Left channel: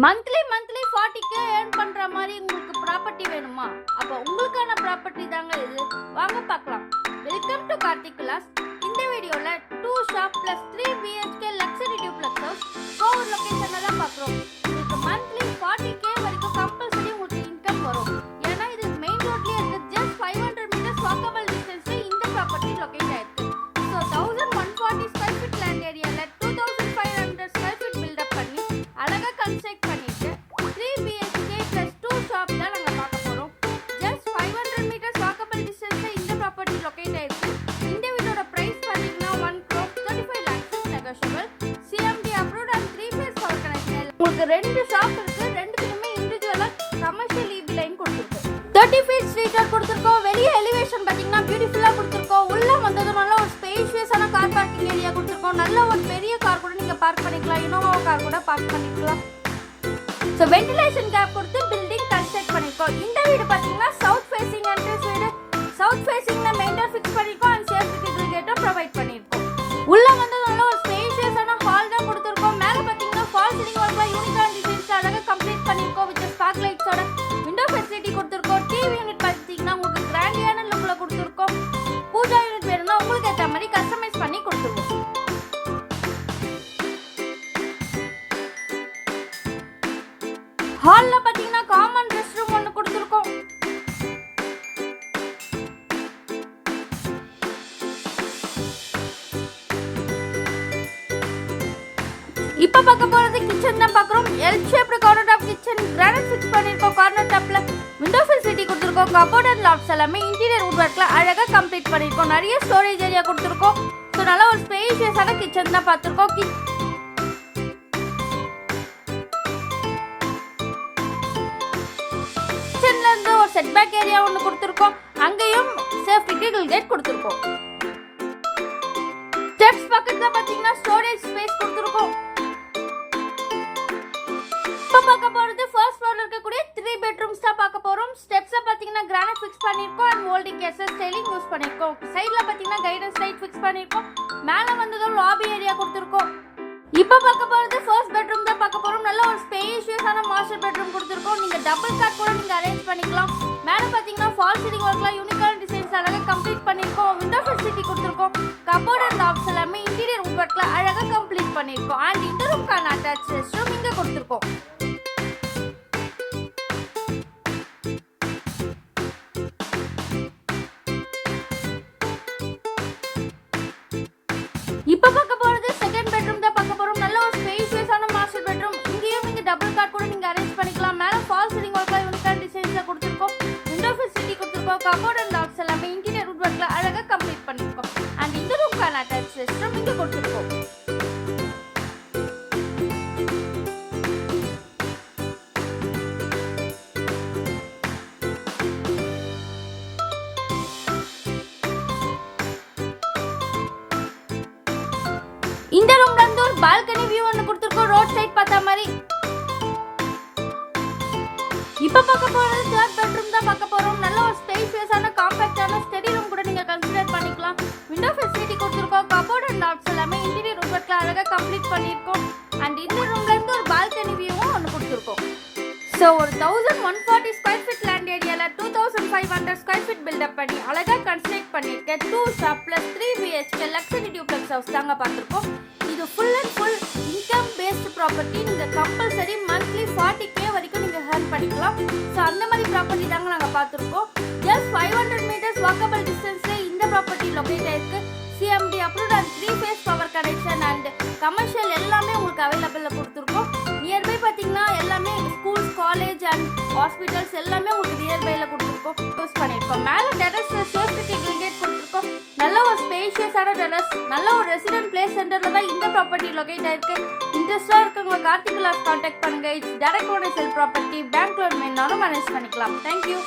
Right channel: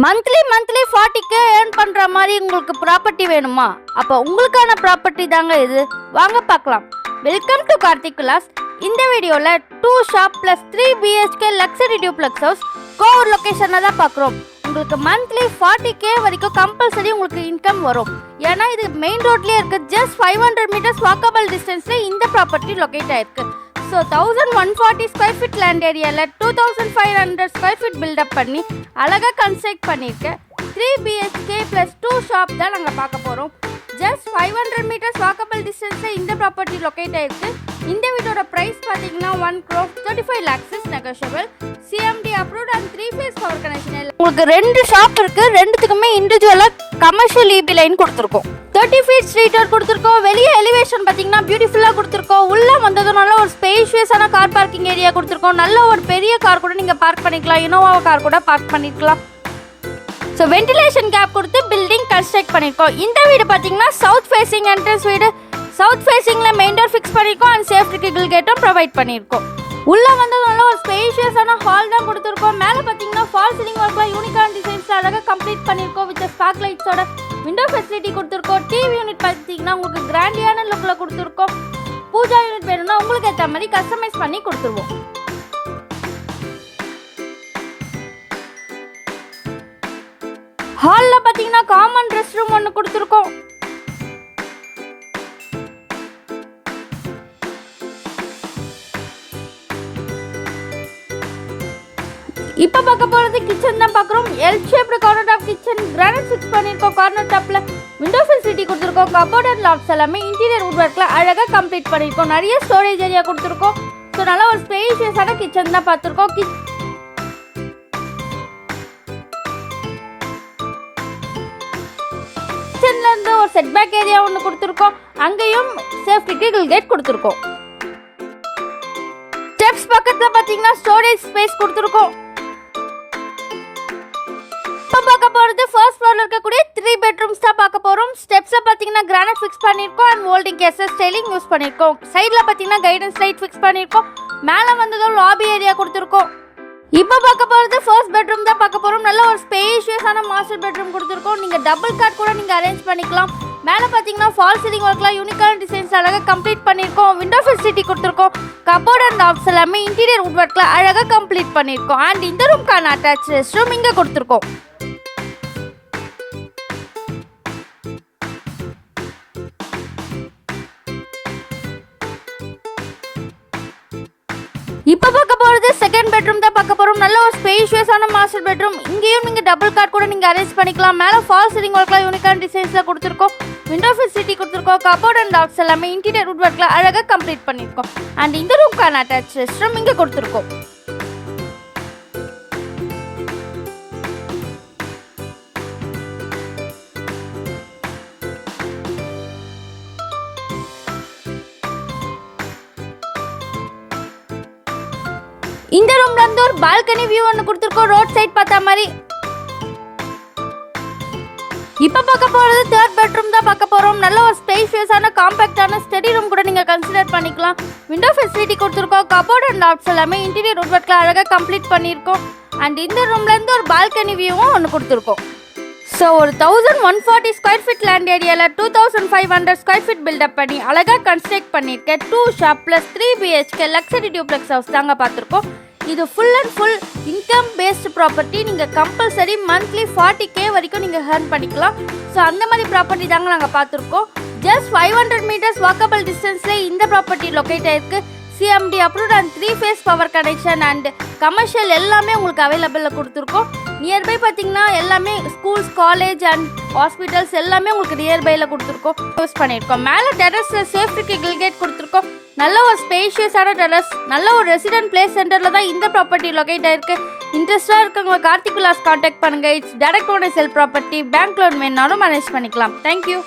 Monthly 40K earn பண்ற மாதிரி உங்களுக்கு ப்ராப்பர்ட்டி வேணுமா? அப்போ உங்களுக்கான ப்ராப்பர்ட்டி தாங்க இது. வாங்க பார்க்கலாம். Welcome to Karthik Vilas. இந்த வீடியோல 2 shop plus 3 BHK luxury duplex house Kovur லொகேஷன்ல தான் பார்க்குறோம். உங்களுக்கு மந்த்லி 40K வரைக்கும் கம்பல்சரி உங்களுக்கு இன்கம் வரும். ஏன்னா இது மெயின் ரோட்லயே இருக்கு. ஜஸ்ட் 500 மீட்டர்ஸ் வாக்கபிள் டிஸ்டன்ஸ்ல இந்த ப்ராப்பர்ட்டி லொகேட் ஆயிருக்கு. ஸோ 1140 ஸ்கொயர் ஃபீட் லேண்ட் ஏரியாவில் 2500 ஸ்கொயர் ஃபீட் பில்டப் பண்ணி அழகாக கன்ஸ்ட்ரக்ட் பண்ணியிருக்கேன். 3 BHK ப்ளஸ் 2 ஷாப் தான் நாங்கள் பார்க்க போகிறோம். ஜஸ்ட் 500 மீட்டர்ஸ் வாக்கபிள் டிஸ்டன்ஸில் இந்த ப்ராப்பர்ட்டி லொக்கேட் ஆயிருக்கு. இந்த வீட்டோட ப்ரைஸ் பார்த்தீங்கன்னா 1,35 lakhs negotiable. CMD approved and 3 phase power connection. உங்களுக்கு 2 ஷாப் இருக்கு. ரெண்டுத்துக்குமே இண்டிவிஜுவலாக கமர்ஷியல் EB லைன் கொடுத்துருக்கோம். 30 feet ஸ்ட்ரீட் ரோட் கொடுத்துருக்கோம். வெளியே எலிவேஷன் பார்த்தீங்கன்னா பியூட்டிஃபுல்லாக கொடுத்துருக்கோம். உள்ளே வந்ததுனால ஒரு ஸ்பேஷியஸான கார் பார்க்கிங் ஏரியா கொடுத்துருக்கோம். நல்ல ஒரு பெரிய கார் கூட நீங்கள் பார்க் பண்ணிக்கலாம். இனோவா கார் கூட பார்க் பண்ணிக்கலாம். ஸோ வென்டிலேஷன் கேப் கொடுத்து பில்டிங் கன்ஸ்ட்ரக்ட் பண்ணியிருக்கோம். இந்த வீடு பார்த்தீங்கன்னா சவுத் ஃபேசிங் என்ட்ரன்ஸ் வீடு. சவுத் ஃபேசிங்கில் மெயின் டோர் ஃபிக்ஸ் பண்ணியிருக்கோம் அண்ட் சேஃப்டி கிரில் கேட்டும் ப்ரொவைட் பண்ணியிருக்கோம். உள்ளே வந்ததுனால ஒரு ஸ்பேஷியஸான ஹால் தான் கொடுத்துருக்கோம். மேலே பார்த்தீங்கன்னா ஃபால் சீலிங் ஒர்க்கில் யூனிகான் டிசைன்ஸ் அழகாக கம்ப்ளீட் பண்ணியிருக்கோம். வித் ஸ்பார்க் லைட்ஸோட விண்டோ ஃபெசிலிட்டி கொடுத்துருக்கோம். டிவி யூனிட் பார்த்தீங்கன்னா உங்களுக்கு கிராண்டியான லுக்கில் கொடுத்துருக்கோம். பூஜா யூனிட் வேணும்னா உங்களுக்கு ஏற்ற மாதிரி கஸ்டமைஸ் பண்ணி கொடுத்துருவோம். ஹாலில் பார்த்தீங்கன்னா காமன் ரெஸ்ட் ரூம் ஒன்று கொடுத்துருக்கோம். இப்போ பார்க்க போகிறது கிச்சன் தான் பார்க்குறோம். L shaped counter top kitchen granite fix பண்ணியிருக்கோம். கார்னர் டாப்பில் விண்டோ ஃபெசிலிட்டி கொடுத்துருக்கோம். கபோர்ட் அண்ட் லாக்ஸ் எல்லாமே இன்டீரியர் வுட் ஒர்க்கில் அழகாக கம்ப்ளீட் பண்ணியிருக்கோம். நிறைய ஸ்டோரேஜ் ஏரியா கொடுத்துருக்கோம். ஸோ நல்லா ஒரு ஸ்பேஷியஸான கிச்சன் தான் பார்த்துருக்கோம். கிச்சன்லேருந்து ஒரு செட்பேக் ஏரியா ஒன்று கொடுத்துருக்கோம். அங்கேயும் சேஃப்டி கிரில் கேட் கொடுத்துருக்கோம். ஸ்டெப்ஸ் பக்கத்தில் பார்த்தீங்கன்னா ஸ்டோரேஜ் ஸ்பேஸ் கொடுத்துருக்கோம். பார்க்க போறது ஃபர்ஸ்ட் ஃப்ளோர்ல இருக்கக்கூடிய 3 பெட்ரூம்ஸ் தான் பார்க்க போறோம். ஸ்டெப்ஸ்ல பாத்தீங்கன்னா கிரானைட் ஃபிக்ஸ் பண்ணிருக்கோம் and moulding cases styling use பண்ணிருக்கோம். சைடுல பாத்தீங்கன்னா கைடன்ஸ் லைட் ஃபிக்ஸ் பண்ணிருக்கோம். மேல வந்ததும் லாபி ஏரியா கொடுத்துருக்கோம். இப்போ பார்க்க போறது ஃபர்ஸ்ட் பெட்ரூம் தான் பார்க்க போறோம். நல்ல ஒரு ஸ்பேஷியஸான மாஸ்டர் பெட்ரூம் கொடுத்துருக்கோம். நீங்க டபுள் காட் கூட நீங்க அரேஞ்ச் பண்ணிக்கலாம். மேல பாத்தீங்கன்னா ஃபால் சீலிங் ஒர்க்லாம் யூனிகான் டிசைன்ஸ் அழகாக கம்ப்ளீட் பண்ணிருக்கோம். விண்டோ ஃபெசிலிட்டி கொடுத்துருக்கோம். கபோர்ட் அண்ட் டாப்ஸ் எல்லாமே இன்டீரியர் வுட் ஒர்க்ல அழகாக கம்ப்ளீட் பண்ணிருக்கோம். அண்ட் இந்த ரூம்க்கான அட்டாச் ரெஸ்ட் ரூம் இங்க கொடுத்துருக்கோம். இப்போ பார்க்க போறது செகண்ட் பெட்ரூம் தான் பார்க்க போறோம். நல்ல ஒரு ஸ்பேஷியஸான மாஸ்டர் பெட்ரூம். இங்கேயும் நீங்க டபுள் காட் கூட நீங்க அரேஞ்ச் பண்ணிக்கலாம். மேல ஃபால் சீலிங் ஒர்க்ல யூனிகான் டிசைன்ஸ்ல கொடுத்துருக்கோம். விண்டோ ஃபெசிலிட்டி கொடுத்துருக்கோம். கபோர்ட் அண்ட் டாக்ஸ் எல்லாமே இன்டீரியர் வுட் ஒர்க்ல அழகாக கம்ப்ளீட் பண்ணிருக்கோம். அண்ட் இந்த ரூம்க்கான அட்டாச் ரெஸ்ட் ரூம் இங்க கொடுத்துருக்கோம். இந்த ரூம்ல இருந்து ஒரு பால்கனி வியூ ஒன்று கொடுத்துருக்கோம். ரோட் சைட் பார்த்தா மாதிரி. இப்போ பார்க்க போறது தேர்ட் பெட்ரூம் தான் பார்க்க போறோம். நல்ல ஒரு ஸ்பேஷியஸான காம்பாக்டான ஸ்டடி ரூம் கூட நீங்க கன்சிடர் பண்ணிக்கலாம். விண்டோ ஃபெசிலிட்டி கொடுத்துருக்கோம். கபோர்ட் அண்ட் டாப்ஸ் எல்லாமே இன்டீரியர் வுட் ஒர்க்ல அழகாக கம்ப்ளீட் பண்ணியிருக்கோம். அண்ட் இந்த ரூம்ல இருந்து ஒரு பால்கனி வியூவும் ஒன்று கொடுத்துருக்கோம். ஸோ ஒரு 1140 ஸ்கொயர் ஃபீட் லேண்ட் ஏரியாவில் 2500 ஸ்கொயர் ஃபீட் பில்டப் பண்ணி அழகாக கன்ஸ்ட்ரக்ட் பண்ணியிருக்கேன். 2 shop plus 3 BHK luxury duplex house தாங்க பார்த்துருக்கோம். இது full and full income based property. நீங்கள் கம்பல்சரி மந்த்லி 40K வரைக்கும் நீங்கள் ஏர்ன் பண்ணிக்கலாம். ஸோ அந்த மாதிரி ப்ராப்பர்ட்டி தாங்க நாங்கள் பார்த்துருக்கோம். ஜஸ்ட் 500 மீட்டர்ஸ் வாக்கபிள் டிஸ்டன்ஸில் இந்த ப்ராப்பர்ட்டி லொக்கேட் ஆயிருக்கு. CMD approved and 3 phase power connection and commercial எல்லாமே உங்களுக்கு அவைலபிளில் கொடுத்துருக்கோம். நியர்பை பார்த்தீங்கன்னா எல்லாமே ஸ்கூல்ஸ், காலேஜ் அண்ட் ஹாஸ்பிட்டல்ஸ் எல்லாமே உங்களுக்கு நியர்பையில் கொடுத்துருக்கோம். யூஸ் பண்ணியிருக்கோம். மேலே டெரஸில் சேஃப்டி கிரில் கேட் கொடுத்துருக்கோம். நல்ல ஒரு ஸ்பேஷியஸான டெரஸ். நல்ல ஒரு ரெசிடென்ட் பிளேஸ் சென்டரில் தான் இந்த ப்ராப்பர்ட்டி லொக்கேட் ஆயிருக்கு. இன்ட்ரெஸ்டாக இருக்கவங்க கார்த்திக் விலாஸ் கான்டாக்ட் பண்ணுங்கள். It's direct owner sell property. Bank loan வேணாலும் மேனேஜ் பண்ணிக்கலாம். தேங்க்யூ.